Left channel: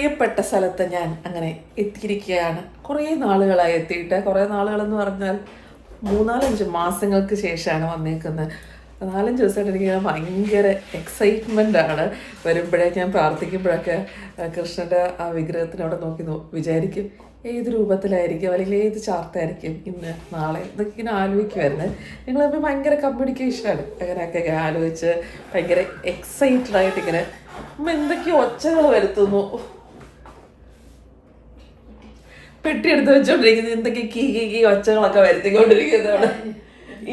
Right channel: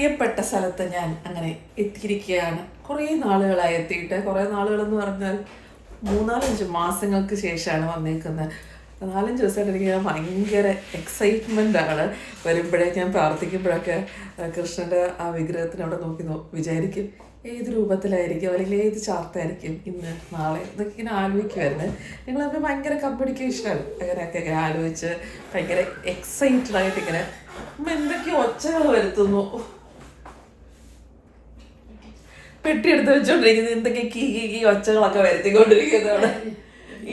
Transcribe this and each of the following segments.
പ്രിയപ്പെട്ട സ്ഥലത്ത് ഞാൻ അങ്ങനെ എത്തിയിരിക്കുകയാണ്. കുറേ നാളുകളായി എത്തിയിട്ട്. കുറേ നാളുകളെന്ന് പറഞ്ഞാൽ 3-5 മാസങ്ങൾക്ക് ശേഷമാണ് വന്നേക്കുന്നത്. 4-5 ദിവസമായിട്ട് എനിക്ക് ഭയങ്കര എക്സൈറ്റ്മെൻ്റ് ആണ്. വരുമ്പോഴേ ഞാൻ പ്രാർത്ഥിക്കുമ്പോഴൊക്കെ കൃഷ്ണൻ്റെ ആ വിഗ്രഹത്തിനവിടെ നോക്കി വിചാരിക്കും ഏത് രൂപത്തിലായിരിക്കും അല്ലെങ്കിൽ ഏത് ചാർത്തായിരിക്കും ഇന്ന് നാളെ ഇതൊക്കെ ഇങ്ങനെ ആലോചിക്കുമായിരുന്നു. ഞങ്ങളപ്പോൾ ഭയങ്കര കമ്മ്യൂണിക്കേഷനാണ്. അങ്ങനെയൊക്കെ ആലോചിച്ച് ഭയങ്കര എക്സൈറ്റഡ് ആയിട്ട് ഇങ്ങനെ എന്തൊക്കെയോ ഒച്ചകൾ വരുത്തുന്നു. പെട്ടി എടുത്ത് വെച്ചോണ്ടിരിക്കുന്നത് എന്തൊക്കെ കീ ഒച്ചകളൊക്കെ വരുത്തിക്കൊണ്ടിരിക്കുന്നതാണ്.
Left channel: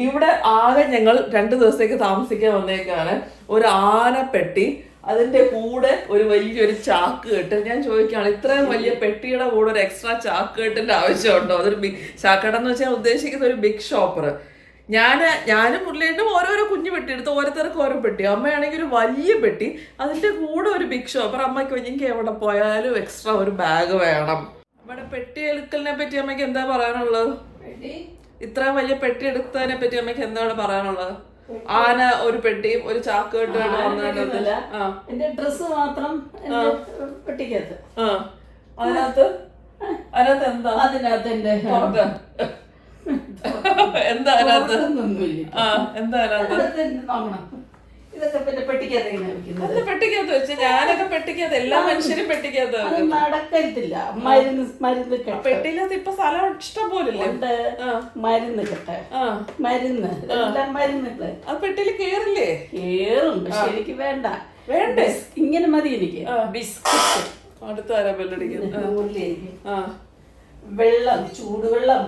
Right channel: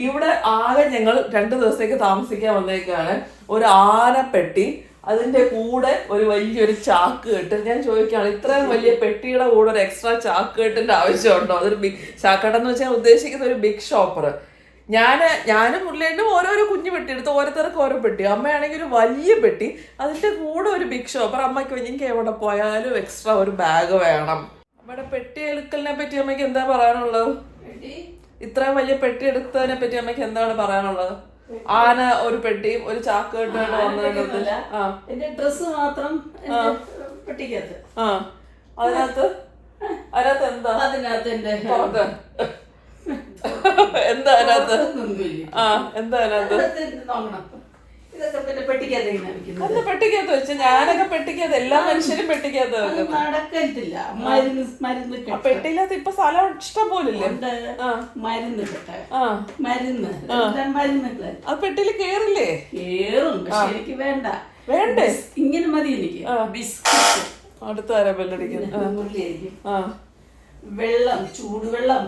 ഇവിടെ ആകെ ഞങ്ങൾ 2 ദിവസത്തേക്ക് താമസിക്കാൻ വന്നേക്കാണ്. ഒരു ആനപ്പെട്ടി, അതിന്റെ കൂടെ ഒരു വലിയൊരു ചാക്ക് കെട്ട്. ഞാൻ ചോദിക്കുകയാണ്, ഇത്രയും വലിയ പെട്ടിയുടെ കൂടെ ഒരു എക്സ്ട്രാ ചാക്ക് കെട്ടിന്റെ ആവശ്യമുണ്ടോ? അതൊരു ബിഗ് ചാക്കട്ടെന്ന് വെച്ചാൽ ഉദ്ദേശിക്കുന്ന ഒരു ബിഗ് ഷോപ്പർ. ഞാനും മുരളിയേട്ടനും ഓരോരോ കുഞ്ഞു പെട്ടി എടുത്ത് ഓരോരുത്തർക്ക് ഓരോ പെട്ടി. അമ്മയാണെങ്കിൽ ഒരു വലിയ പെട്ടി, അതിന്റെ കൂടെ ഒരു ബിഗ് ഷോപ്പർ. അമ്മയ്ക്ക് എനിക്ക് എവിടെ പോയാലും എക്സ്ട്രാ ഒരു ബാഗ് വേണം. അമ്മയുടെ പെട്ടി എടുക്കലിനെ പറ്റി അമ്മയ്ക്ക് എന്താ പറയാനുള്ളത്? ഇത്രയും വലിയ പെട്ടി എടുത്തതിനെ പറ്റി അമ്മയ്ക്ക് എന്താണ് പറയാനുള്ളത്? ആന ഒരു പെട്ടിയും ഒരു ചാക്ക് കെട്ടാണ് ഡ്രസ് മാത്രം പെട്ടിക്കകത്ത്. അതിനകത്ത് എന്താ? അതിനകത്ത് എന്റെ എന്താ അതിനകത്ത്? എന്താ അതിനകത്ത്? നോക്കണം. ഇതൊക്കെ പിന്നെ പെട്ടിക്കകത്ത് ഇങ്ങനെ വെക്കുന്നത്. പെട്ടിക്കകത്ത് വെച്ച് ഞാനൊക്കെ പെട്ടിക്കകത്ത്, എല്ലാ മനുഷ്യരും പെട്ടിക്കകത്ത് നടക്കത്തില്ല. മരുന്ന് പെട്ടിയിലകത്ത് ഇപ്പൊ സ്ഥലം ഇഷ്ടം പോലില്ലേ? മരുന്ന് കെട്ടെ, മരുന്ന് മരുന്നുകള് ആ പെട്ടിയിൽ കേറില്ലേ? കേറും, പക്ഷെ എനിക്ക് വേണ്ട. ഇങ്ങനെ മതി എനിക്ക്. ബിസ്ക്കറ്റ് അടുത്ത ആരാ ബെല്ലടിക്കുന്നത്? വെള്ളം, ചൂടുവെള്ളം.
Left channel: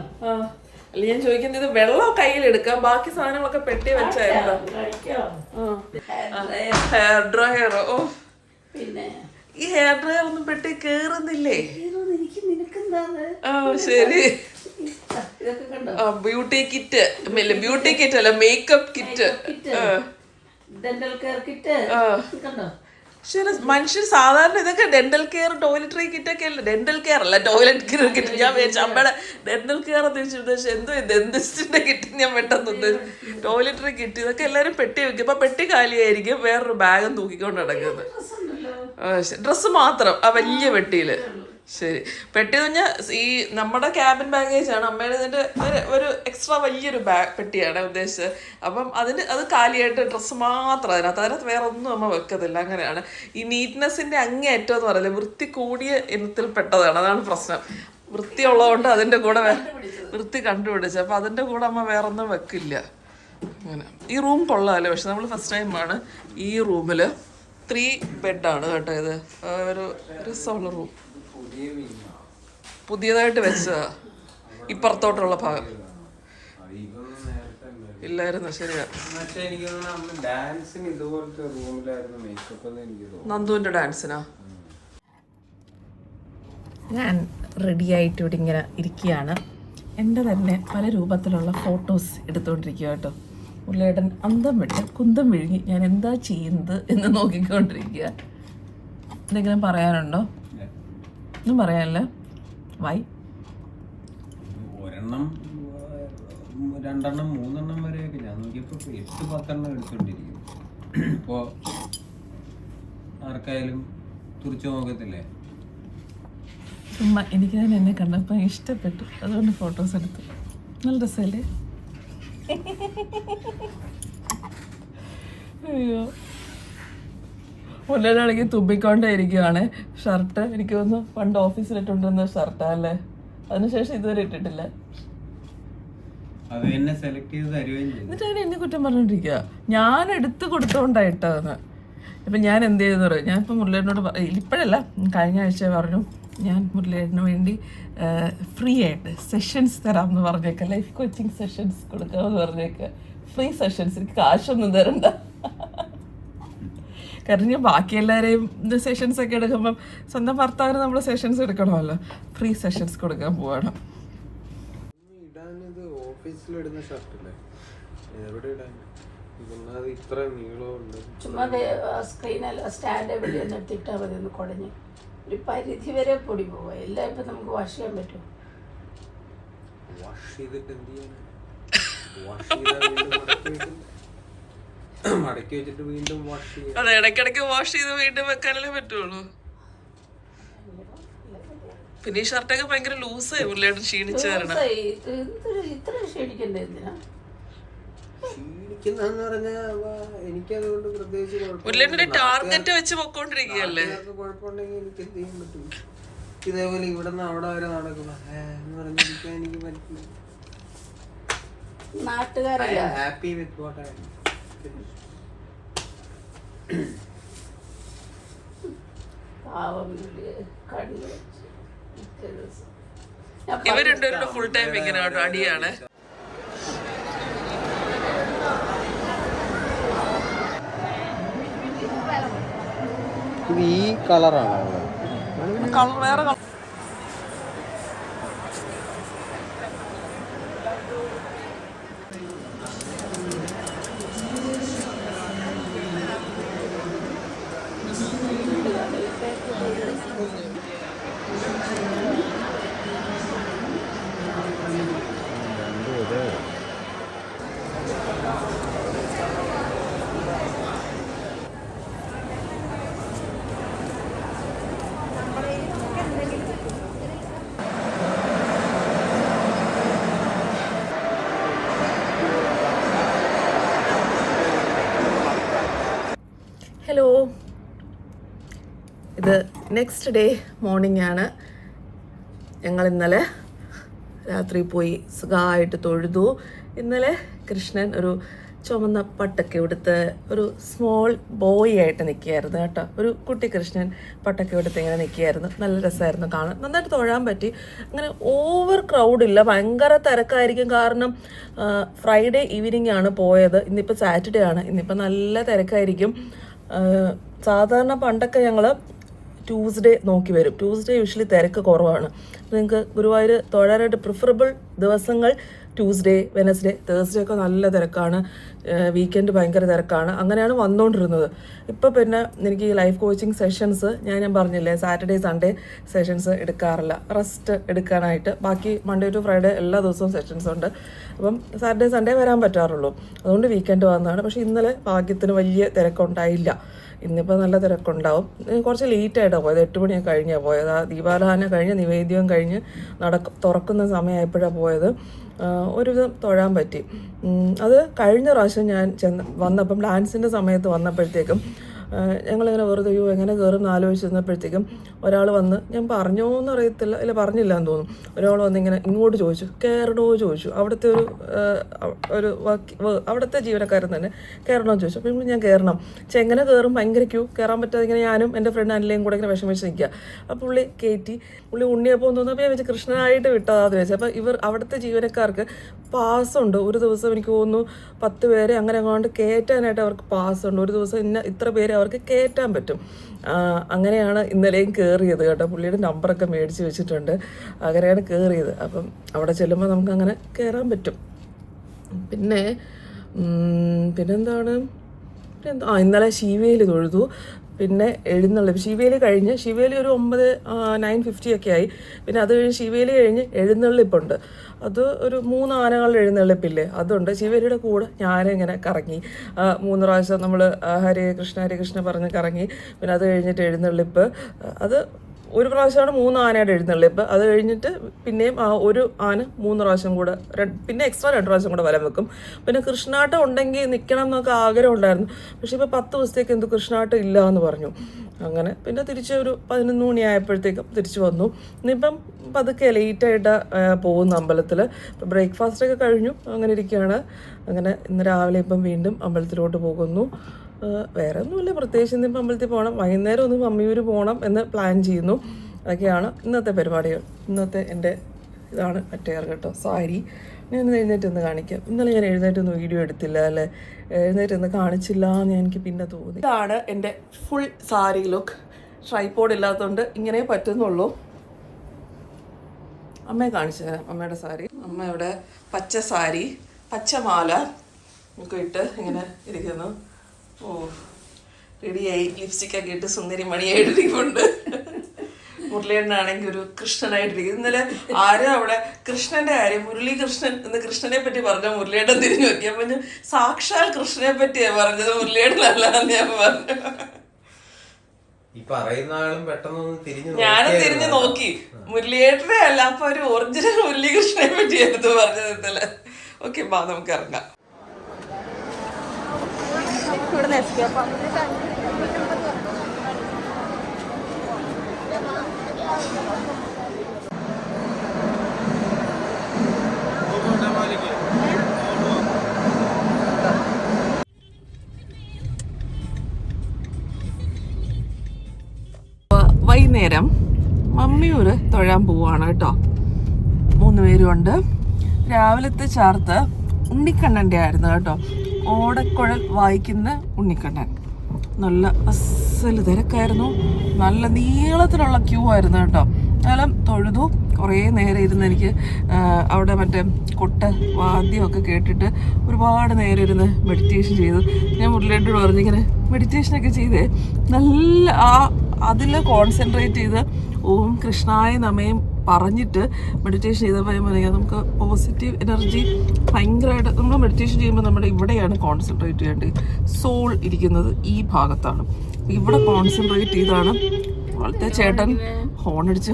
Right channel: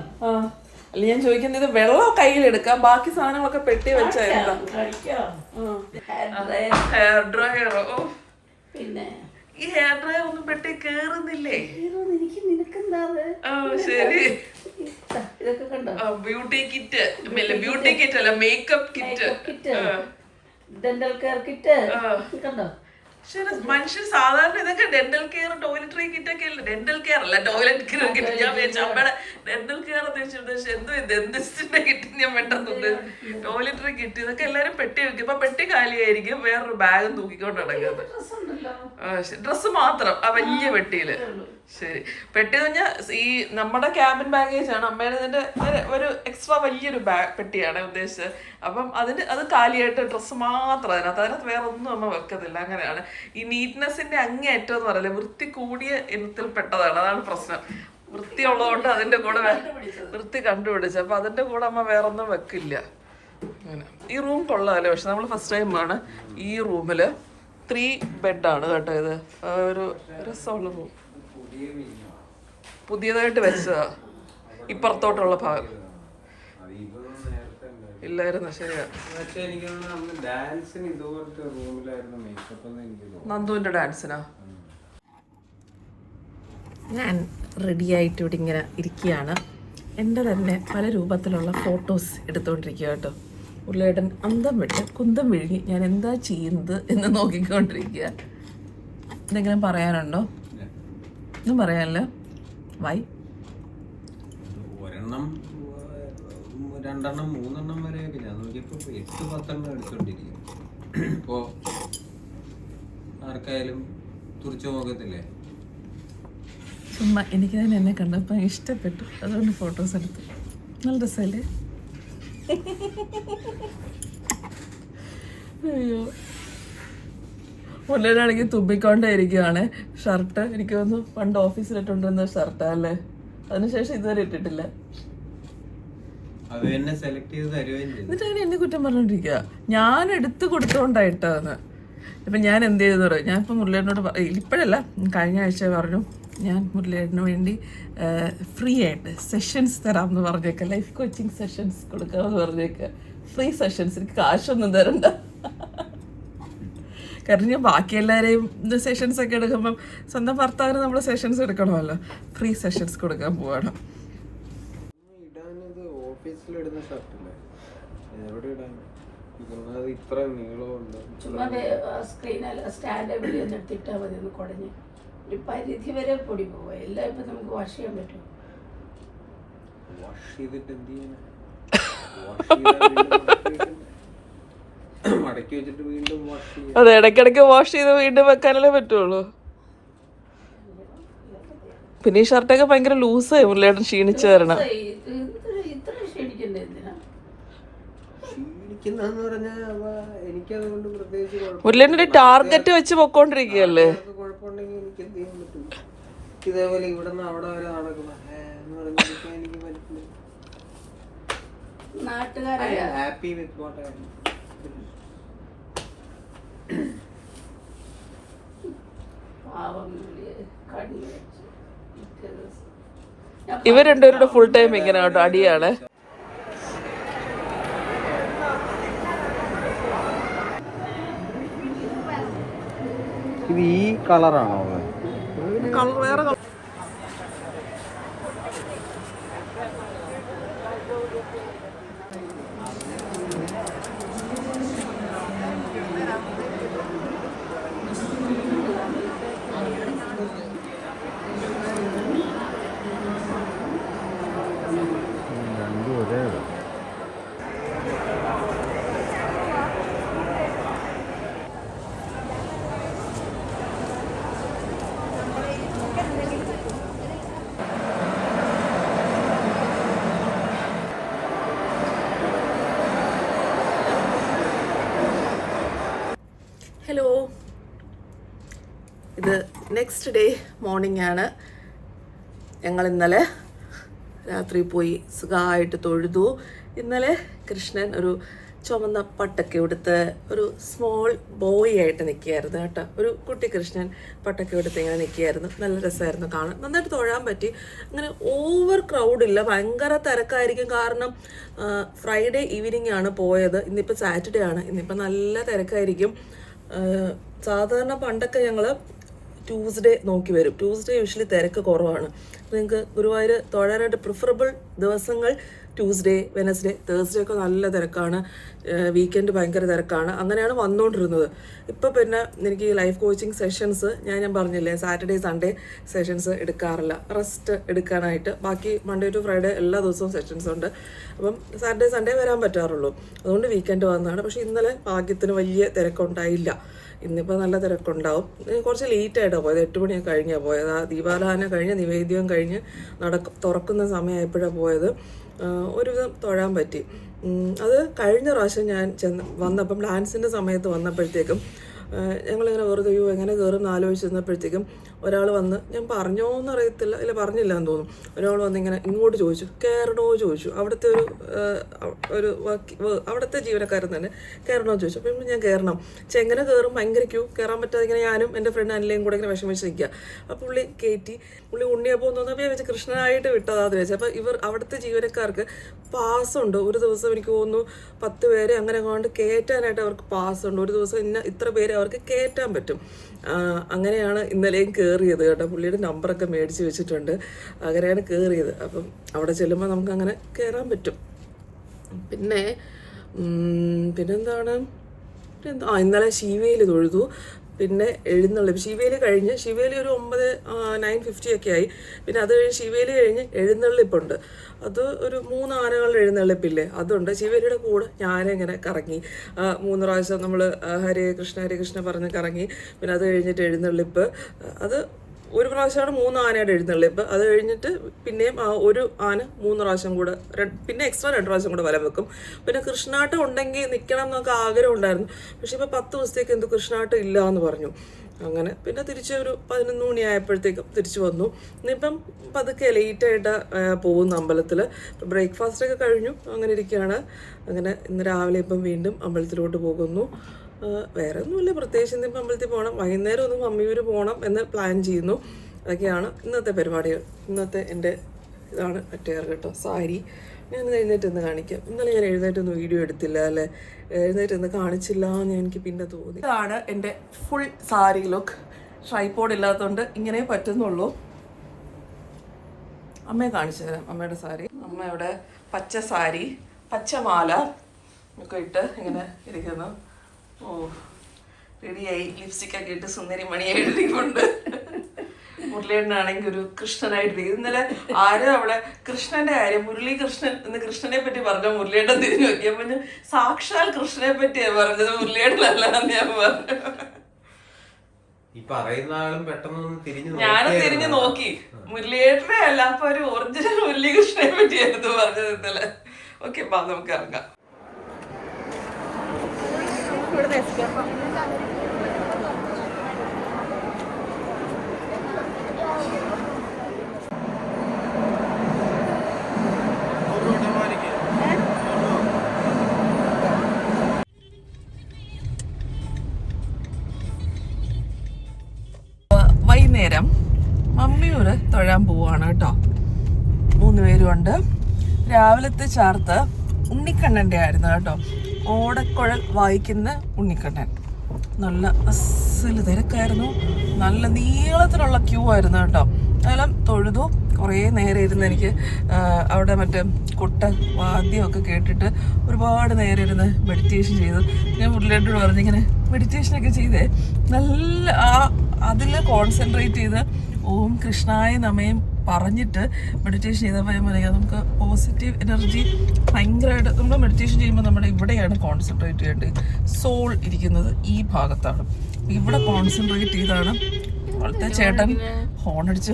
അല്ല ഞാൻ ചോദിക്കുന്നത്, വെള്ളം കയ്യിലെടുക്കാം, ബാക്കി സാധനങ്ങളൊക്കെ പെട്ടി വെച്ചായിരുന്നു. ഹെയർ ഡ്രയറോ? പിന്നെ ഈ ഹെയർ ഡ്രയർ ഒന്നും പെട്ടി കേറുന്നില്ലേ? ശരി. ഇതൊക്കെ കണ്ടോ? ബ്യൂട്ടി കിറ്റ്, ബ്യൂട്ടി കിറ്റ് അല്ല, makeup kit, dental care kit കണ്ടോ? ശരി. മനുഷ്യർ സാധാരണ ഇതൊക്കെ ഡെന്റൽ കെയർ, ടോയ്ലറ്ററി കിറ്റ് ഒക്കെ അല്ലേ? ഡെന്റൽ കെയർ അല്ല, ടോയ്ലറ്റ് കെയർ കിറ്റ്. ഞാൻ വിചാരിച്ചു അമ്മയുടെ ഡെന്റൽ കെയർ ഉദ്ദേശിച്ചു. എന്തോ ഡെന്റിസ്റ്റിന്റെ കിറ്റ് ഞാൻ പെട്ടെന്ന് ഉദ്ദേശിച്ചു. ടോയ്ലറ്ററി കിറ്റ് ഇതൊക്കെ എല്ലാവരും പെട്ടി വെക്കും. ഇപ്പൊ പെട്ടി കാലിയായിരിക്കും, വേറൊരു ബാഗും തൂക്കിക്കൊണ്ട് നടക്കുന്നത്. ഡ്രസ്സ് മാത്രം ആ വലിയ പെട്ടിയില്. ശരി. പെട്ടി പറഞ്ഞാൽ ഈ നമ്മുടെ ക്യാബിൻ ബാഗേജ് ആണ്. അമ്മയുടെ ഒരു എക്സ്ട്രാ വലിയൊരു പെട്ടിയാണ് ഉദ്ദേശിച്ചത്. അപ്പം അത് കാലിയായിട്ട് ഡ്രസ്സ് മാത്രം അതിനകത്ത് വേറെ ഒന്നും അമ്മ വെക്കത്തില്ല. അങ്ങനെയാണ്. ഈ നീറ്റ്നെസ്സിന്റെ അങ്ങേയറ്റം എന്ന് പറയില്ല, വൃത്തി കൂടിയ ഇനത്തിൽ പെട്ടതാണ്. അതാണ് പ്രശ്നം. വൃത്തിയുള്ളതുകൊണ്ട് അതിന്റെ കൂടെ വൃത്തി കണ്ടുപിടിച്ചു. അപ്പൊ അതിന്റെ കൂടെ അമ്മ വേറൊന്നും വെക്കില്ല. അങ്ങനെ. ഈ റൂം കൊള്ളാമല്ലേ? പക്ഷെ നമ്മൾ ഫസ്റ്റ് ടൈമാണ് ഈ റൂമില് 3 ബെഡാണ് കേട്ടോ. ഇത് ഒരു രസമുള്ള റൂം, പുതിയതായിട്ട് വെച്ചതാ. ഇപ്പുറത്തോട്ടുള്ള ഭാഗം ഇല്ലായിരുന്നു. ശരിയാ. നന്ദുവിന്റെ ഡാൻസിനാ. ഞാൻ റെഡി ആയിട്ട് ഇവിടെ ഇങ്ങനെ ഇരിക്കുകയാണ്. എൻ്റെ തന്നെ പല രൂപത്തിലുള്ള ഫോട്ടോസ് എടുത്തുകൊണ്ടിരിക്കുക കേട്ടോ. ഉള്ളിയേട്ടൻ അന്തം വിട്ട് കുന്തം വിഴുങ്ങി ഞാൻ എന്താ ചെയ്യുന്നത് എന്ന് നോക്കിക്കൊണ്ടിരിക്കുക. എന്തെങ്കിലും പറയാനുണ്ടോ? ഒന്നും പറയാനല്ല. വൈ? 1 2 3 വരെ ഞാൻ നോക്കിയപ്പോ 8-10 എടുത്തോണ്ടിരിക്കും. ഇപ്പോ ആർക്കായാലും തുറച്ചു നോക്കത്തില്ലേ? ചുമ്മാ എനിക്ക് തന്നെ എന്നെ കണ്ടപ്പോൾ ഇഷ്ടപ്പെട്ടു, അതുകൊണ്ട് ഫോട്ടോസ് എടുത്തു. നല്ല രസമല്ലേ? അയ്യോ, മുല്ലേനാണെങ്കിൽ തുമ്പിക്കൊണ്ടേയിരിക്കുകയാണ്. ഷർട്ട് എനിക്ക് തോന്നുന്നു പണ്ട് ഓഫീസിലിട്ടുണ്ടെന്ന ഷർട്ടാ അല്ലേ? അതിനുശേഷം ഇതുവരെ ഇട്ടിട്ടില്ല. എന്നിട്ട് എന്നെ കുറ്റം പറഞ്ഞോണ്ടിരിക്കുക. ഞാൻ എടുത്തു കൊടുത്തോണ്ടായിട്ടതെന്ന്. ഇപ്പൊ ഞാൻ എന്ത് ചെയ്തെന്ന് പറയും, ഞാൻ ഇപ്പൊ മുരളിയേട്ടനോട് ഇപ്പോഴല്ല, കഴിഞ്ഞ ആഴ്ച പറഞ്ഞു ഞാൻ മുരളിയേട്ടന് വേണ്ടി ഫ്രീ ആയിട്ട് സെഷൻസ് തരാമെന്ന് പറഞ്ഞേക്ക, ലൈഫ് കോച്ചിങ് സെഷൻസ് കൊടുക്കാമെന്ന് പറഞ്ഞേക്ക. ഫ്രീ സെഷൻസ്, എനിക്ക് കാശൊന്നും തരണ്ട. കാരണം ഞാൻ ബാക്കി എല്ലാവരെയും സെഷൻസ് ഒക്കെ എടുക്കുമ്പം സ്വന്തം ഭർത്താവിന് നമ്മൾ സെഷൻസ് എടുക്കണമല്ലോ. ഫ്രീ സെഷൻസ് കൊടുക്കാൻ പോവാണ്. ഒരു പരിധി വരെ പൊടി പോവുക. എല്ലാം ഇപ്പൊ നമുക്ക് വാഷ് ചെയ്യാൻ പറ്റും. അതെ, ഇടയ്ക്കിടയ്ക്ക് വാഷ് ചെയ്ത് വീണ്ടും വെക്കാനല്ലേ പറ്റുള്ളൂ. പിന്നെ ഈ ഷർട്ടൊക്കെ ഭയങ്കര ലൂസായി മുരളിയേട്ടൻ ക്ഷീണിച്ചു തരണം. ഇത്ര ക്ഷീണിക്കണ്ടേ എന്തിനാ? ക്ഷീണിക്കുന്നെന്ന് പറഞ്ഞാ എനിക്കതുകൊണ്ട് പ്രത്യേകിച്ച് മുരളിയേട്ടൻ ടാർഗറ്റ് വെച്ച് പൊക്കോണ്ടിരിക്കുകയല്ലേ. കുഴപ്പമുണ്ടെങ്കിൽ എനിക്ക് എന്ത് ചെയ്യാൻ പറ്റും? ഇതേപോലെ ഇവിടെ നിന്ന് അവിടെ വരെ നടക്കുന്നു എന്ന് പറഞ്ഞിരിക്കാൻ എനിക്ക് പറ്റില്ല. നാട്ടുകാരല്ല. ഹാപ്പി വിത്ത് വാട്ട് ഐ ഇവർ രണ്ടുപേരുടെ ഫുൾ ടൈം ഇങ്ങനെ കേട്ടോ അടിയാണ്. ഇത് ഈ കളറാണോ? കളർ വേറെ കളർ. ഹലോ, ഇത് നെക്സ്റ്റ് ഡേ മോർണിംഗ് ആണ്. ഞങ്ങൾ ഇന്നലെ രാത്രി പോയി സുഖമായിട്ട് തൊഴുതു. ഇന്നലെ കൃഷ്ണൻ ഒരു ചുമന്ന പട്ടൊക്കെ എടുത്ത് ഒരു സ്മോൾ ബോയ് ആയിട്ട് നിൽക്കുകയായിരുന്നു കേട്ടോ. ഒരു കുട്ടി കൃഷ്ണൻ പട്ടൊക്കെ എടുത്ത് ഇങ്ങനെ നിൽക്കുകയായിരുന്നു. നല്ല രസമായിരുന്നു കാണാൻ. നന്നായിട്ട് തൊഴാൻ പറ്റി. അങ്ങനെ ഓവർ ക്രൗഡില്ല, ഭയങ്കര തിരക്കായിരിക്കും. കാരണം ഫ്രൈഡേ ഈവനിങ് ആണ് പോയത്. ഇന്നിപ്പോൾ സാറ്റർഡേ ആണ്. ഇന്നിപ്പോൾ നല്ല തിരക്കായിരിക്കും. സാധാരണ പണ്ടൊക്കെ ഞങ്ങൾ ട്യൂസ്ഡേ നോക്കി വരും. ട്യൂസ്ഡേ യൂഷ്വലി തിരക്ക് കുറവാണ്. നിങ്ങൾക്ക് ഗുരുവായൂർ തൊഴാനായിട്ട് പ്രിഫറബിൾ ദിവസങ്ങൾ ട്യൂസ്ഡേ, വെനസ്ഡേ, തേഴ്സ്ഡേ ഒക്കെ നല്ല തിരക്കാണ്. വീക്കെൻഡ് ഭയങ്കര തിരക്കാണ്. അങ്ങനെയാണ് വന്നുകൊണ്ടിരുന്നത്. ഇപ്പോൾ പിന്നെ എനിക്ക് ഈ ലൈഫ് കോച്ചിങ് സെഷൻസ് ഞാൻ പറഞ്ഞില്ലേ, സാറ്റർഡേ സൺഡേ സെഷൻസ് എടുക്കാറില്ല, റെസ്റ്റ് എടുക്കാനായിട്ട്. ബാക്കി മൺഡേ ടു ഫ്രൈഡേ എല്ലാ ദിവസവും സെഷൻസ് ഉണ്ട്. അപ്പം സാറ്റർഡേ സൺഡേ വരാൻ പറ്റാറുള്ളൂ. അതുകൊണ്ട് വീക്കെൻഡ് വന്നതാണ്. പക്ഷേ ഇന്നലെ ഭാഗ്യത്തിന് വലിയ തിരക്കുണ്ടായില്ല. ഇന്നിപ്പോൾ നല്ല തിരക്കുണ്ടാവും. കുറച്ച് ലേറ്റായിട്ടാണ് പോയത്. 8 മണിയൊക്കെ കഴിഞ്ഞാണ് പോയത്. ആ ദീപാരാധന കഴിഞ്ഞ് നിവേദ്യം കഴിഞ്ഞ് തുറക്കുന്ന സമയമായപ്പോഴാണ് പോയത്. ഒരുവിധം തൊഴാൻ പറ്റി. അത് കഴിഞ്ഞ പ്രാവശ്യം ഞാൻ വന്നപ്പം ഡാൻസിൻ്റെ സമയത്ത് വന്നപ്പോഴത്തേക്കും ഞങ്ങളിങ്ങനെ വെറുതെ എങ്ങനെ കയറും എന്ന് ആലോചിച്ചിരുന്നപ്പോഴത്തേക്കും ഒരാൾ വന്ന്, ഞാൻ പറഞ്ഞോന്ന് അറിയത്തില്ല, ഇല്ല പറഞ്ഞില്ല എന്ന് തോന്നുന്നു, ഒരാൾ വന്ന് ഇങ്ങനെ ഇങ്ങോട്ട് ചോദിച്ചു, കയറണോ ചോദിച്ചു. അവിടുത്തെ ഒരു അവിടുത്തെ ജീവനക്കാരൻ തന്നെ കയറണോ ചോദിച്ചു. അപ്പം ഞാൻ കയറണം. പക്ഷെ എങ്ങനെ കയറും, ഭയങ്കര ക്യൂ, കയറാൻ പറ്റാതെ ഇങ്ങനെ ഞാനും എൻ്റെ ഫ്രണ്ട് അനിലയും കൂടെ ഇങ്ങനെ വിഷമിച്ച് നിൽക്കുക. അപ്പോൾ പുള്ളി കയറ്റി. പുള്ളി ഉണ്ണിയപ്പോൾ തോന്നുന്നു ഞാൻ വെച്ച് കൃഷ്ണനായിട്ട് വിട്ടതാന്ന് വെച്ചാൽ. അപ്പോൾ അവിടുത്തെ ജീവനക്കാർക്ക് പാസ്സുണ്ട്. ഒരു ദിവസം എനിക്ക് തോന്നുന്നു 10 പേരെ അങ്ങനെ അങ്ങോട്ട് കയറ്റാനായിട്ട് അവർക്ക് പാസ്സുണ്ട്. ഒരു ദിവസം ഇത്ര പേരെ അവർക്ക് കയറ്റാൻ പറ്റും. അങ്ങനെയാണ് ഇന്നലെയും കയറിയത് കേട്ടോ. പുള്ളിയുടെ നമ്പറൊക്കെ മേടിച്ച് വെച്ചിട്ടുണ്ട്. അങ്ങനെയാണ് കയറിയത്. അപ്പം അവിടെ ചെല്ലുമ്പോൾ നമുക്ക് അങ്ങനെ കയറാൻ പറ്റും. പിന്നെന്താണ് ഇന്നലെ ശിവേലി തൊഴുതു. പിന്നെ എഴുന്നള്ളിപ്പ് ശിവേലി കഴിഞ്ഞ്, ശിവേലി ഒരു 9:50 ഒക്കെ ആയി. പിന്നെ അത് കഴിഞ്ഞ് ശിവേലി കഴിഞ്ഞ് എഴുന്നള്ളിപ്പുണ്ട്. അത് ഒരു 3 ആനകളുടെ എഴുന്നള്ളിപ്പില്ലേ, അതുണ്ട്. ശിവേലിയുടെ കൂടെ ഞാനിങ്ങനെ കറങ്ങി 3 പ്രാവശ്യം നമ്മൾ ഹരേ കൃഷ്ണ പറഞ്ഞ് കറങ്ങി. പിന്നെ അത് കഴിഞ്ഞിട്ട് എഴുന്നള്ളിപ്പ്. അത് ഒരു പ്രാവശ്യമാണ് 3 ആനയുടെ എഴുന്നള്ളിപ്പ്. അത് കഴിഞ്ഞിട്ട് പിന്നെയും ഒരു ആന 3 പ്രാവശ്യം കൂടെ, പിന്നെ എക്സ്ട്രാ 2 പ്രാവശ്യം കൂടെ വലം വെക്കും. പിന്നെ കൃഷ്ണാട്ടം ഉണ്ടെങ്കിൽ നിൽക്കണം എന്നൊക്കെ ആഗ്രഹം ഉണ്ടായിരുന്നു. പക്ഷെ ഇപ്പോൾ 10 ദിവസത്തേക്ക് എന്തോ കൃഷ്ണാട്ടം ഇല്ല എന്ന് പറഞ്ഞു. അങ്ങനെ പിന്നെ തിരിച്ച് ഒരു 11 മണിയായപ്പോഴത്തേക്കും തിരിച്ചു വന്നു. ഇന്നിപ്പം പതുക്കെ ലേറ്റായിട്ട് പോകുന്നു അമ്പലത്തിൽ. ഇപ്പം ബ്രേക്ക്ഫാസ്റ്റൊക്കെ കഴിഞ്ഞു. അങ്ങനെ ഇരിക്കുകയാണ്. അങ്ങനെ ഇന്ന് രാവിലെ ഇപ്പം വീണ്ടും അമ്പലത്തിലോട്ട് പോകുന്നു. വേറെ ഒന്നുമില്ല പ്രത്യേകിച്ച്. ഇന്നിപ്പോൾ അമ്പലത്തിൽ പോകണം. വൈകുന്നേരം ഒന്ന് മമ്മിയൂർ പോകണം എന്ന് പ്ലാൻ ചെയ്യുന്നു. അതൊക്കെയാണ് ഇന്നത്തെ പരിപാടികൾ. ഇന്നത്തെ എൻ്റെ ഇതാണ് അറ്റയർ കേട്ടോ, സാരി. ഞാൻ എഴുന്നേറ്റ് കാണിക്കാം. ഇന്നലെ ഞാൻ എഴുന്നേറ്റൊന്നും വീഡിയോ എടുത്തില്ല അല്ലേ, എഴുന്നേറ്റ് കാണിച്ചില്ല എന്ന് എനിക്ക് പിന്നെ തോന്നി. ഇതാണ് എൻ്റെ ഫുൾ സാരി ലുക്ക്. ട്രൈപോഡ് ഇല്ലാത്തതുകൊണ്ട് ഇങ്ങനെ പറ്റുന്നുള്ളൂ. അമ്മയെ കാണിച്ചു തരാം അമ്മയുടെ സാരി. അമ്മ ഇവിടെ പച്ച സാരി, പച്ചമാല ഒക്കെ ഇട്ട് ഇങ്ങനെ ഇരിക്കുന്നു. ഓ, റെഡിയായി. ലിപ്സ്റ്റിക്കൊക്കെ ഇട്ട് സുന്ദരി മണിയായിട്ടിരിക്കുന്നുണ്ട്. മുരളിയേട്ടനാണെങ്കിൽ ഒരു കൃഷ്ണനായിട്ടിരിക്കും. ഇന്നലെ ആരോ അവിടെ കൃഷ്ണന്റെ കാര്യം, മുരളി കൃഷ്ണൻ എന്ന് കൃഷ്ണനെ പറ്റി പറഞ്ഞ മുരളിയേട്ടൻ തിരിഞ്ഞു നോക്കിയപ്പോൾ ഞാൻ സാക്ഷാൽ കൃഷ്ണനെ പറ്റിയാണ് പറഞ്ഞത്, മുരളിയേട്ടനല്ല എന്ന് ഞാൻ പറഞ്ഞു. ഈ പറയുന്ന ആളും പെട്ടെന്ന് തിരിഞ്ഞു ഞാനും തിരിഞ്ഞു നോക്കി. മുരളിയേട്ടനെ അല്ല, അപ്പൊ ഒരു ഒറിജിനൽ മുരളീകൃഷ്ണനെ പറ്റിയായിരുന്നു പറഞ്ഞത് ഇന്നലെ. ഓക്കെ, ബാ നമുക്ക് ഇറങ്ങാം. വൈകുന്നേരം മമ്മിയൂര് തൊഴാൻ പോവാണ് കേട്ടോ. 3 പേരുണ്ട്. രാവിലത്തെ ചാർത്ത് ഉണ്ണിക്കണ്ണൻ്റെ ആയിരുന്നു കേട്ടോ. ഓടക്കുഴൽ വായിക്കുന്ന ഉണ്ണിക്കണ്ണൻ. നല്ല അസല് തിരക്കായിരുന്നു. നല്ല നീളത്തിലുള്ള ക്യൂ ആയിരുന്നു കേട്ടോ. എന്നാലും തൊഴുതു. കുറേ നേരം ഇരുന്ന് എനിക്ക് അവിടെ മറ്റേ കൊട്ട വാദ്യമൊക്കെ കേട്ടിട്ട് ഒരുപാട് നേരം ഇരുന്ന് മെഡിറ്റേഷൻ ചെയ്തു. ഞാൻ മുരളിയോട് പറഞ്ഞിങ്ങനെ മെഡിറ്റേഷനൊക്കെ ചെയ്തേ നല്ല അതിൽ കോൺസെൻട്രേറ്റ് ചെയ്ത് ഓം കൃഷ്ണായ നമയും പറഞ്ഞിട്ട് മെഡിറ്റേഷൻ ചെയ്തപ്പോൾ ഞാൻ പറയാം, നമുക്ക് പോസിറ്റീവ് എനർജി ഭയങ്കരമായിട്ട് നമ്മൾ മെഡിറ്റേഷൻ ചെയ്യുമ്പോൾ നമ്മുടെ ഇവിടെയാണ് കോൺസെൻട്രേറ്റ് ചെയ്യേണ്ടത്. സോൾ ഇരിക്കുന്നത് ഈ ഭാഗത്താണ്. ഇവിടെ കോൺസെൻട്രേറ്റ് ചെയ്താണ്. അവിടുത്തെ ചേട്ടൻ ഹോണടിച്ച്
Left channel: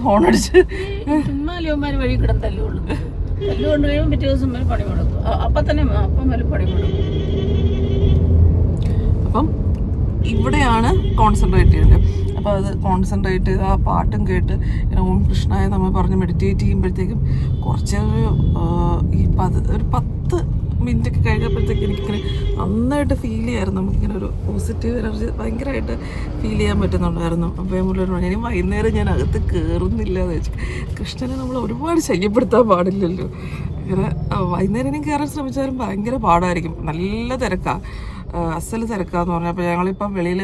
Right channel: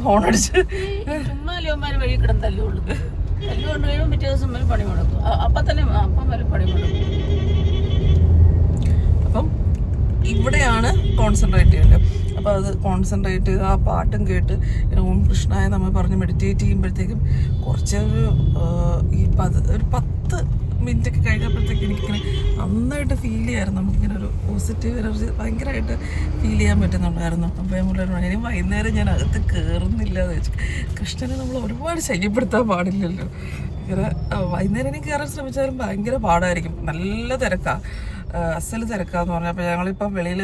വഴി കിടന്നല്ലേ ഉള്ളൂ. കൊണ്ടുപോയി പിറ്റേ ദിവസം പണി കൊടുക്കും. അപ്പം തന്നെ പണി കൊടുക്കും. അപ്പം ഇവിടെയാണ് കോൺസെൻട്രേറ്റ് ചെയ്യേണ്ടത്. അപ്പോൾ അത് കോൺസെൻട്രേറ്റ് ആ പാട്ടും കേട്ട് ഓം കൃഷ്ണായ നമ്മൾ പറഞ്ഞ് മെഡിറ്റേറ്റ് ചെയ്യുമ്പോഴത്തേക്കും കുറച്ച് ഒരു 10 മിനിറ്റൊക്കെ കഴിഞ്ഞപ്പോഴത്തേക്ക് എനിക്കിങ്ങനെ നന്നായിട്ട് ഫീൽ ചെയ്യായിരുന്നു. നമുക്കിങ്ങനെ ഒരു പോസിറ്റീവ് എനർജി ഭയങ്കരമായിട്ട് ഫീൽ ചെയ്യാൻ പറ്റുന്നുണ്ടായിരുന്നു. അപ്പോൾ നമ്മളോട് ഇനി വൈകുന്നേരം ഞാൻ അകത്ത് കയറുന്നില്ല എന്ന് വെച്ചു. കൃഷ്ണനെ നമ്മൾ ഒരുപാട് ശല്യപ്പെടുത്താൻ പാടില്ലല്ലോ. ഇങ്ങനെ വൈകുന്നേരം ഇനി കയറാൻ ശ്രമിച്ചാലും ഭയങ്കര പാടായിരിക്കും. നല്ല തിരക്കാണ്, അസല് തിരക്കാന്ന് പറഞ്ഞാൽ. അപ്പോൾ ഞങ്ങളിപ്പം വെളിയിൽ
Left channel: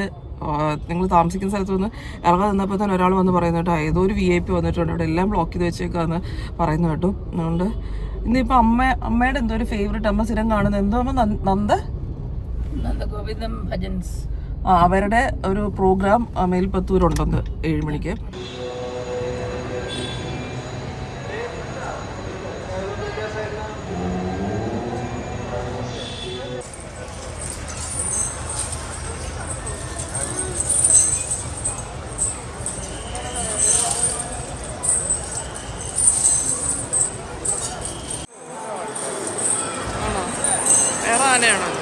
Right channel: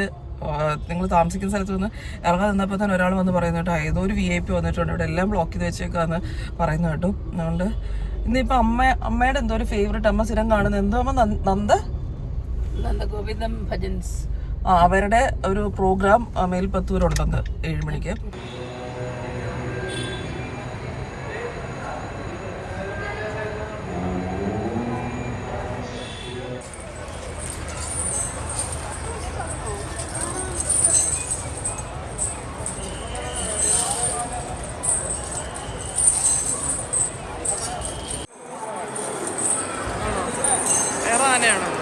നിങ്ങൾ താമസിക്കുന്ന സ്ഥലത്ത് നിന്ന് ഇറങ്ങാൻ നിന്നപ്പോൾ തന്നെ ഒരാൾ വന്ന് പറയുന്നു കേട്ടോ, ഏതോ ഒരു VIP വന്നിട്ടുണ്ട്, ഇവിടെ എല്ലാം ബ്ലോക്ക് ചെയ്ത് വെച്ചേക്കാന്ന് പറയുന്നു കേട്ടോ. അതുകൊണ്ട് ഇന്നിപ്പോൾ അമ്മയുടെ എന്തോ ഒരു ഫേവറേറ്റ് അമ്മ സ്ഥിരം കാണുന്നത് എന്തോ അമ്മ നന്ദഗോവിന്ദം ഭജൻസ് അവരുടെ ഒരു പ്രോഗ്രാം മേൽപ്പത്തൂരുണ്ടെന്ന് 7 മണിക്ക്. വേറെ ആനയാണല്ലോ.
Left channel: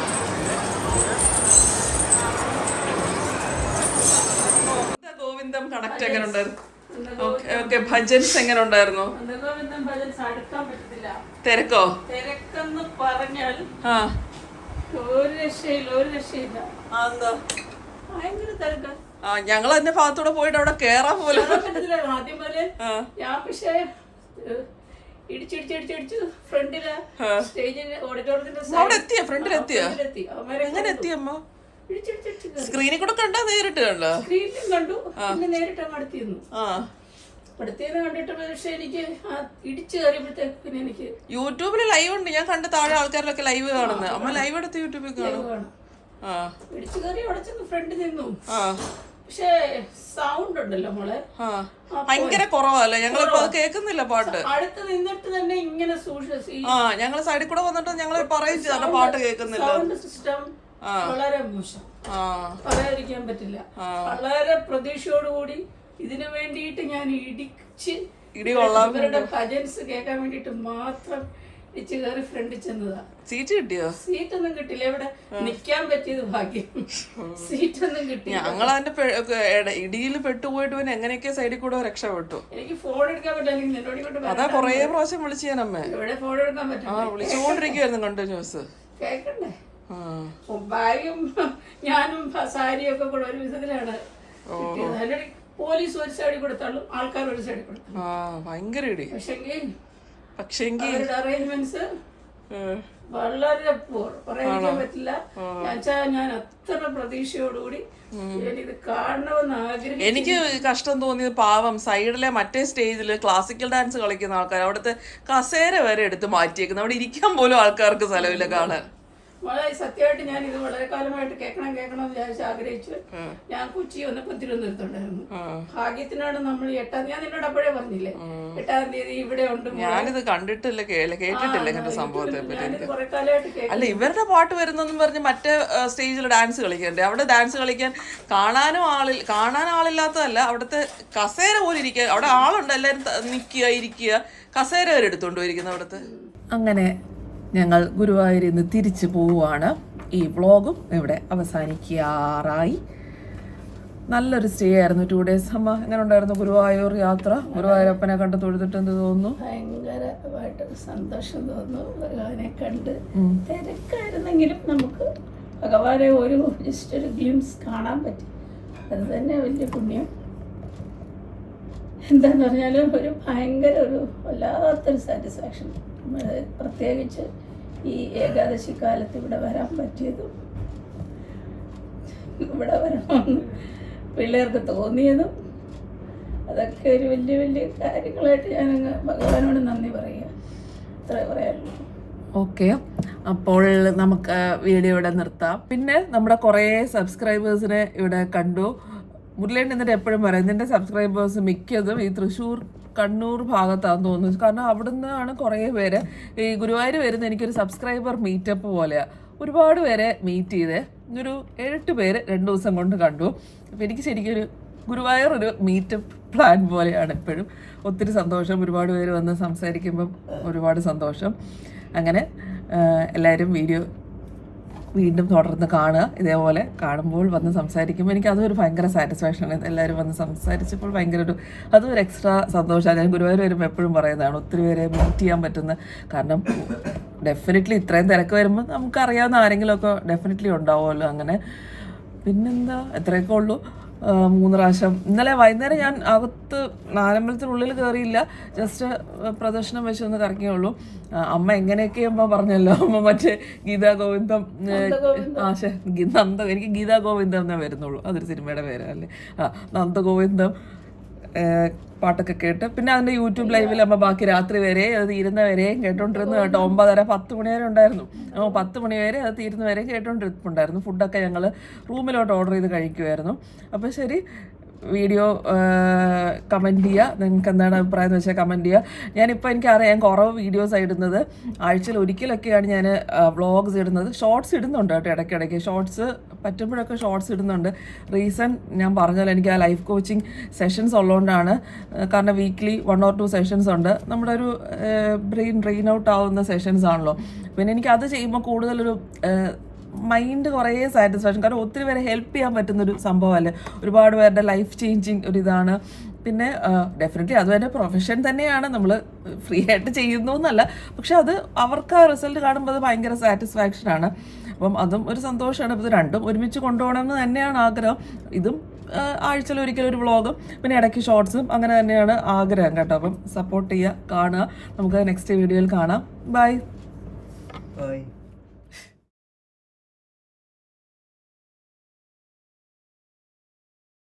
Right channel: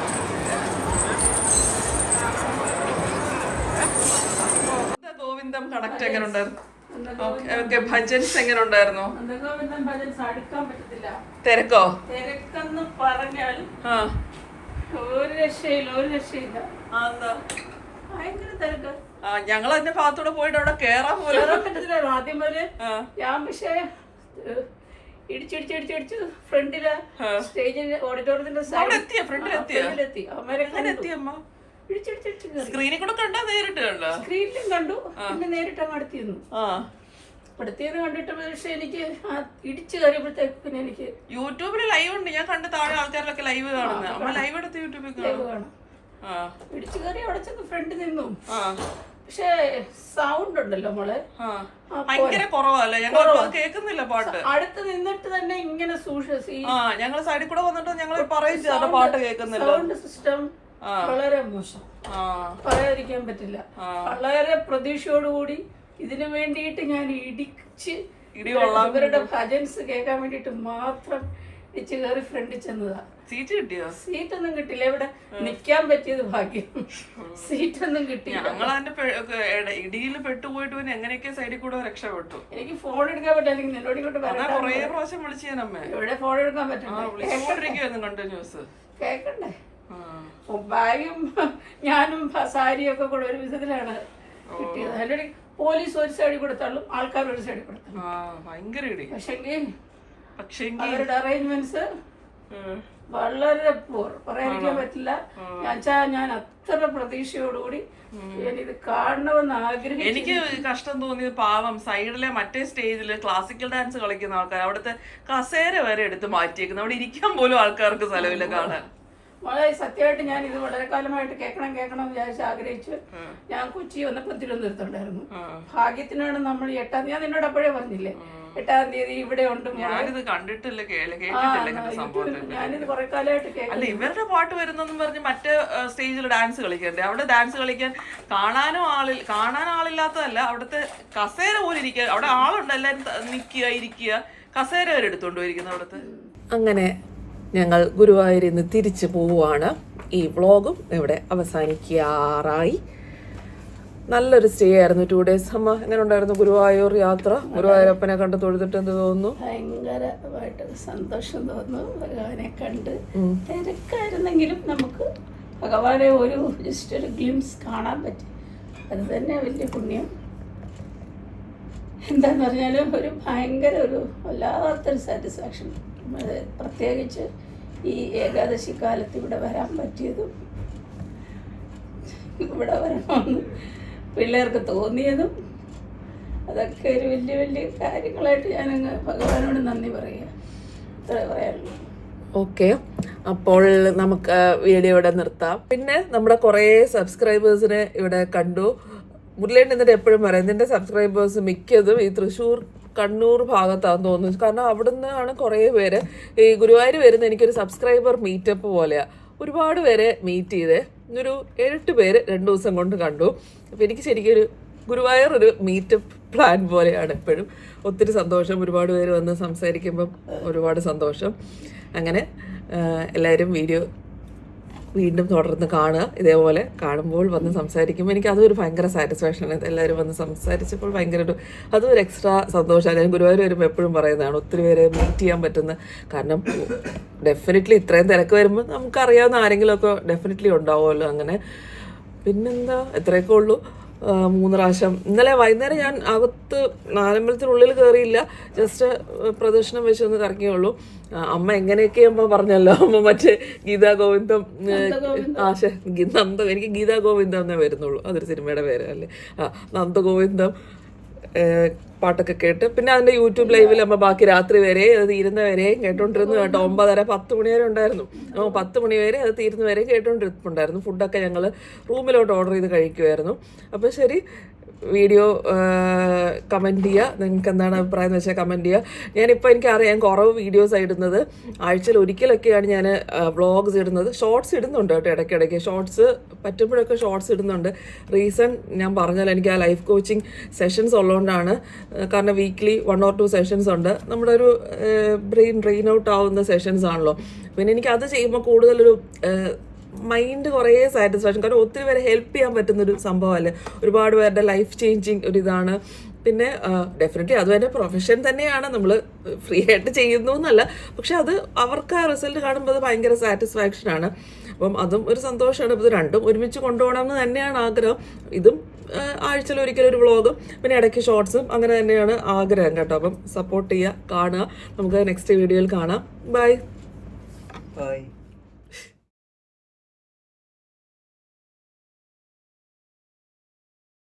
ഗോവിന്ദം കണക്ട് എങ്ങനെ ഉണ്ടായിരുന്നു? ഓക്കെ, ഭജൻസ് എങ്ങനെ ഉണ്ടായിരുന്നു? തിരക്കോ? തിരക്കെന്ന് പറഞ്ഞാൽ ഒരു രക്ഷയില്ല. ഭയങ്കര തിരക്ക്. ഞങ്ങൾ അതിന്റെ ഭാഗത്തൂടെ പോയിട്ട് അവിടെ കേറാൻ പോലും ആദ്യം പോലെ ഞാൻ പക്ഷേ ഇടിച്ചിടിച്ചിടിച്ചിടിച്ച് ഫ്രണ്ടില് സ്റ്റേജിന്റെ ഓഡിറ്റോറിയത്തിന്റെ സ്ക്രീനിൽ കൂടെ കണ്ടാ നേരിട്ട് കണ്ടോ? സ്ക്രീനിലും കണ്ടു, പിന്നെ നേരിട്ട് അങ്ങ് അടുത്തിരുന്നു. അടുത്തിരുന്ന് കണ്ടിട്ട് പക്ഷെ എനിക്ക് ഇടിച്ചു കയറിയപ്പോഴത്തേക്ക് പിന്നെ എനിക്ക് യൂട്യൂബിൽ ലൈവ് ഉണ്ട്. ഞാൻ കണ്ട താഴെ ആൾക്കാരിലൊക്കെ ലൈവ് കാണുന്നത്. അമ്മ ലൈവ് എടുത്ത് യൂട്യൂബിൽ കാണും. ഇടിച്ചു കയറി അവിടെ ചെന്ന് ഫ്രണ്ട് നിന്നു. പക്ഷേ സൗണ്ട് ഉണ്ടല്ലോ മോളെ ഭയങ്കര കുറവല്ലേ? ഞങ്ങളിപ്പോ അത് കേൾക്കുന്നില്ല പാട്ട്. അടുത്ത് നിന്നിട്ട് തന്നെ ഇങ്ങനെ ഞങ്ങള് സൈഡിൽ കൂടെ വന്നിട്ട് ഞങ്ങൾ പറയും ചെയ്ത പാട്ട് കേൾക്കുന്നില്ല. സൗണ്ട് സിസ്റ്റം വളരെ മോശം, പറയാതിരിക്കാൻ പറ്റില്ല. വളരെ പ്രതീക്ഷയോടുകൂടി ഇതിനു വേണ്ടിയിട്ട് ഞാൻ ഇവരുടെ ഭജൻസ് കേൾക്കാൻ വേണ്ടിട്ട് മാത്രം ഇടിച്ചു കയറി ഫ്രണ്ടിൽ ചെന്നതാ. സീറ്റ് കിട്ടിയോ? സീറ്റ് ഒന്നും കിട്ടില്ല. ഇവിടെ നിക്കാൻ പറ്റിയത് ഭാഗ്യം. സീറ്റ് ഒന്നും കിട്ടി. ഞങ്ങൾ അതിന്റെ ഇടിയിൽ പെട്ടുപോയിട്ട് പിന്നെ എങ്ങനെയൊക്കെ സൈഡിൽ കൂടെ രക്ഷപ്പെട്ടു. എനിക്ക് ഫോൺ എടുക്കാൻ പറ്റില്ലെങ്കിൽ എന്നോട് അതാ കൊറേ പ്രാവശ്യം വിളിച്ചു ഞാൻ അമ്മ. ഇവിടെ ഫോൺ എടുക്കാൻ പറ്റില്ല, വിളിച്ചുകൊണ്ടിരിക്കുവായിരുന്നു കണ്ടിന്യൂസ്. കേക്കണ്ടേ? ബാഗും ഞാനും സാരിയൊക്കെ കൂടെ ഒരു വിധത്തിലാണ് കിട്ടിയത്. അതിലൊരു പോലീസ് ഒരു സൈഡിൽ കൂടെ തള്ളും, ആൾക്കാർ ഒരു സൈഡിൽ കൂടെ തള്ളും. ഭയങ്കര ഇടി. പക്ഷെ അവരുടെ അറേഞ്ച്മെന്റ്സ് വളരെ പറയാതിരിക്കാൻ പറ്റില്ല. ഞാൻ അത്ര പ്രതീക്ഷയോടുകൂടി ഇത് കാണണമെന്ന് ആഗ്രഹിച്ചു. എനിക്ക് കഷ്ടം തോന്നിയത് പാവം സൈഡിലെ മറ്റേ സ്റ്റേജില് ക്ലാസിക്കൽ ഡാൻസ് കളിക്കുന്ന ആൾക്കാർ അവിടുത്തെ കസേര വരെ എടുത്ത് മാറ്റിയേക്കുന്നു. അവിടെ ഇരിക്കാൻ പോലും ആൾക്കാർക്ക് സ്ഥലമില്ല കാണാൻ. മോളെ സത്യമായിട്ട് ഞാൻ ഇത് വളരെ കാലമായിട്ട് കേൾക്കണം എന്ന് വിചാരിച്ച് ആഗ്രഹിച്ചു. ഞാൻ കൊച്ചി വന്നപ്പോൾ തിരുവനന്തപുരത്തുണ്ടായിരുന്നു. ഭാഗ്യത്തിനാണ് നമ്മൾ 8-ാം തീയതി, ഞാൻ നിന്നോട് അപ്പോഴേ പറഞ്ഞില്ലേ 8-ാം തീയതി ഇവിടെ ഉണ്ട്. ഞാനിത് കണ്ടിട്ടില്ല, കേട്ടിട്ടില്ല ഇങ്ങനത്തെ സംഭവത്തെ ഞാനിത് കുറെ കാലമായിട്ട് കേൾക്കും. അല്ല, ഇവരുടെ പാട്ട് വരുന്നെന്നും പറഞ്ഞ് മറ്റേ സ്റ്റേജിൽ ഡാൻസ് കളിക്കണ്ടേ? അവിടെ ഡാൻസ് കളിക്കാൻ കാണാൻ ആളില്ലാത്തതല്ല, അവിടുത്തെ കസേര പോലെ ഇരിക്കുക. അവിടെ ആളുണ്ട്, എല്ലാവരും നിൽക്കുക, ഇരിക്കുക, കസേര വരെ എടുത്തോണ്ട് പോയിരിക്കുന്നു അവിടുത്തെ. അങ്ങനെ ഞങ്ങൾ ഗുരുവായൂരിൽ നിന്ന് തിരിച്ചു പോവുകയാണ്. ഈ വ്ളോഗും ഇവിടെ അവസാനിക്കാറായി. നല്ലൊരു സ്റ്റേ ആയിരുന്നു, 2 days. അമ്മ എങ്ങനെ ഉണ്ടായിരുന്നു ഗുരുവായൂർ യാത്ര? ഗുരുവായൂരപ്പനെ കണ്ട് തൊഴുതിട്ട് എന്ത് തോന്നുന്നു? ഭയങ്കരമായിട്ട് സന്തോഷം തോന്നുന്നു ഭഗവാനെ കണ്ട്. തിരക്കായിരുന്നെങ്കിലും നമുക്ക് ഭഗവാനെ ജസ്റ്റ് ഒരു ഗ്ലിംസ് കാണാൻ പറ്റി. അത് തന്നെ വലിയ പുണ്യം. എന്താന്ന് പറഞ്ഞാലും ഒരു വല്ലാത്തൊരു സാറ്റിസ്ഫാക്ഷൻ. പ്രത്യേകിച്ച് ഈ ഏകാദശി കാലത്ത് ഇവിടെ വരാൻ പറ്റിയതും ഇവിടെ വരണമെന്ന് പിള്ളേർക്ക് തോന്നിയതും അതൊക്കെ ഒരു വലിയ വലിയ കാര്യങ്ങളായിട്ട് ഞാനങ്ങ് ഭഗവാനോട് നന്ദി പറയുക. അത്ര പറയാനുള്ളൂ. ഓക്കെ, അപ്പോൾ നമുക്ക് വീഡിയോ ഇവിടെ നിർത്താം. പിന്നെ നമ്മുടെ കുറേ സബ്സ്ക്രൈബേഴ്സിനെ ഇവിടെ കണ്ടു. മുരളിയേട്ടൻ എന്നിട്ട് എപ്പോഴും പറയും നിന്റെ സബ്സ്ക്രൈബേഴ്സ് മിക്കതും ഈ തൃശ്ശൂർ കണ്ണൂർ ഭാഗത്താണെന്ന് തോന്നുന്നു. കാരണം അവിടുന്ന് ആണ് കുറേ പേര് ഈ ഗുരുവായൂർ വരുന്ന എനിക്കൊരു സബ്സ്ക്രൈബർ മീറ്റപ്പ് പോലെയാണ്. ഒരുപാട് പേരെ മീറ്റ് ചെയ്തേ, ഒരു 7-8 പേര് 2 ദിവസം കൊണ്ട് കണ്ടു. അപ്പോൾ എനിക്ക് ശരിക്കും ഒരു ഗുരുവായൂർ ഒരു മീറ്റപ്പ് പ്ലാൻ പോലെയാണ് എപ്പോഴും. ഒത്തിരി സന്തോഷം, ഒരുപാട് പേര് വന്ന് സംസാരിക്കുമ്പം ഒരുപാട് സന്തോഷം. അങ്ങനെ എല്ലാവരും വീഡിയോ വീണ്ടും തുടർന്ന് കാണുക. ഇതേപോലെ കാണുമ്പോൾ വന്ന് സംസാരിക്കുമ്പോൾ എനിക്ക് അതൊരു ഭയങ്കര സാറ്റിസ്ഫാക്ഷനാണ്. എല്ലാവരും വന്ന് സംസാരിച്ചപ്പോൾ ഭയങ്കര അതൊരു എക്സ്ട്രാ സന്തോഷമാണ്. ഞാൻ ഗുരുവായൂർ വരുമ്പോൾ എപ്പോഴും പറയുന്നതാണ്, ഒത്തിരി പേരെ മീറ്റ് ചെയ്യാൻ പറ്റുന്ന. കാരണം ഡെഫിനറ്റ്ലി ഇത്രയും തിരക്ക് വരുമ്പോൾ നമുക്കറിയാവുന്ന ആരെങ്കിലുമൊക്കെ ഡെഫിനറ്റ്ലി ഉണ്ടാവുമല്ലോ. അങ്ങനെ പിന്നെന്താ, എത്രയൊക്കെ ഉള്ളൂ. 3 പ്രാവശ്യം ഇന്നലെ വൈകുന്നേരം ഞാൻ അകത്ത് നാലമ്പലത്തിനുള്ളിൽ കയറിയില്ല, ജസ്റ്റ് പ്രദക്ഷിണം വെച്ച് ഒന്ന് കറങ്ങിയുള്ളൂ. അമ്മ എങ്ങനെയൊക്കെ അമ്മ പറഞ്ഞല്ലോ, അമ്മ മറ്റേ ഗീതാ ഗോവിന്ദം എനിക്ക് ഗീതാ ഗോവിന്ദം എന്നേ വരുന്നുള്ളൂ, അതൊരു സിനിമയുടെ പേര് അല്ലേ. നന്ദഗോവിന്ദം പാട്ടൊക്കെ കേട്ട് പിന്നെ അതിൻ്റെ യൂട്യൂബ് ലൈവിൽ അമ്മ ബാക്കി രാത്രി വരെ അത് തീരുന്ന വരെയും കേട്ടോണ്ടിരുന്നു കേട്ടോ. 9:30-10 മണി വരെ ഉണ്ടായിരുന്നു. 10 മണി വരെ അത് തീരുന്ന വരെ കേട്ടോണ്ടിരിപ്പുണ്ടായിരുന്നു. ഫുഡൊക്കെ ഞങ്ങൾ റൂമിലോട്ട് ഓർഡർ ചെയ്ത് കഴിക്കുമായിരുന്നു. അപ്പോൾ ശരി, വീഡിയോ കമൻറ്റ് ചെയ്യുക, നിങ്ങൾക്ക് എന്താണ് അഭിപ്രായം എന്ന് വെച്ചാൽ കമൻറ്റ് ചെയ്യുക. ഞാനിപ്പോൾ എനിക്കറിയാം കുറവ് വീഡിയോസ് ഇടുന്നത്, ആഴ്ചയിൽ ഒരിക്കലൊക്കെയാണ് ഞാൻ വ്ളോഗ്സ് ഇടുന്നത്. ഷോർട്സ് ഇടുന്നുണ്ട് കേട്ടോ, ഇടയ്ക്കിടയ്ക്ക് ഷോർട്സ് പറ്റുമ്പോഴൊക്കെ ഷോർട്സ് ഇടുന്നുണ്ട്. റീസൺ ഞാൻ പറഞ്ഞാൽ എനിക്ക് ആ ലൈഫ് കോച്ചിങ് സെഷൻസ് ഉള്ളതുകൊണ്ടാണ്. കാരണം വീക്ക്ലി 1 or 2 സെഷൻസ് ഉണ്ട്. നമ്മുടെ ഒരു ഡ്രെയിൻ ഔട്ട് ആവുന്ന സെഷൻസ് ആണല്ലോ. പിന്നെ എനിക്ക് അത് ചെയ്യുമ്പോൾ കൂടുതലൊരു മൈൻഡ് കുറേ സാറ്റിസ്ഫാക്ഷൻ. കാരണം ഒത്തിരി പേരെ ഹെൽപ്പ് ചെയ്യാൻ പറ്റുന്നൊരു സംഭവമല്ലേ, ഒരുപാട് പേരുടെ ലൈഫ് ചേഞ്ചിങ് ഒരിതാണ്. പിന്നെ ഡെഫിനറ്റ്ലി അതും എൻ്റെ പ്രൊഫഷൻ തന്നെയാണ്, നമ്മൾ ഫ്രീ ആയിട്ട് ചെയ്യുന്നു എന്നല്ല, പക്ഷെ അത് അവർക്ക് ആ റിസൾട്ട് കാണുമ്പോൾ അത് ഭയങ്കര സാറ്റിസ്ഫാക്ഷനാണ്. അപ്പം അതും ഒരു സന്തോഷമാണ്. അപ്പോൾ ഇത് രണ്ടും ഒരുമിച്ച് കൊണ്ടുപോകണമെന്ന് തന്നെയാണ് ആഗ്രഹം. ഇതും ആഴ്ചയിൽ ഒരിക്കലൊരു വ്ളോഗും പിന്നെ ഇടയ്ക്ക് ഷോർട്സും അങ്ങനെ തന്നെയാണ് ആഗ്രഹം കേട്ടോ. അപ്പം സപ്പോർട്ട് ചെയ്യുക, കാണുക. നമുക്ക് നെക്സ്റ്റ് വീഡിയോയിൽ കാണാം. ബൈ.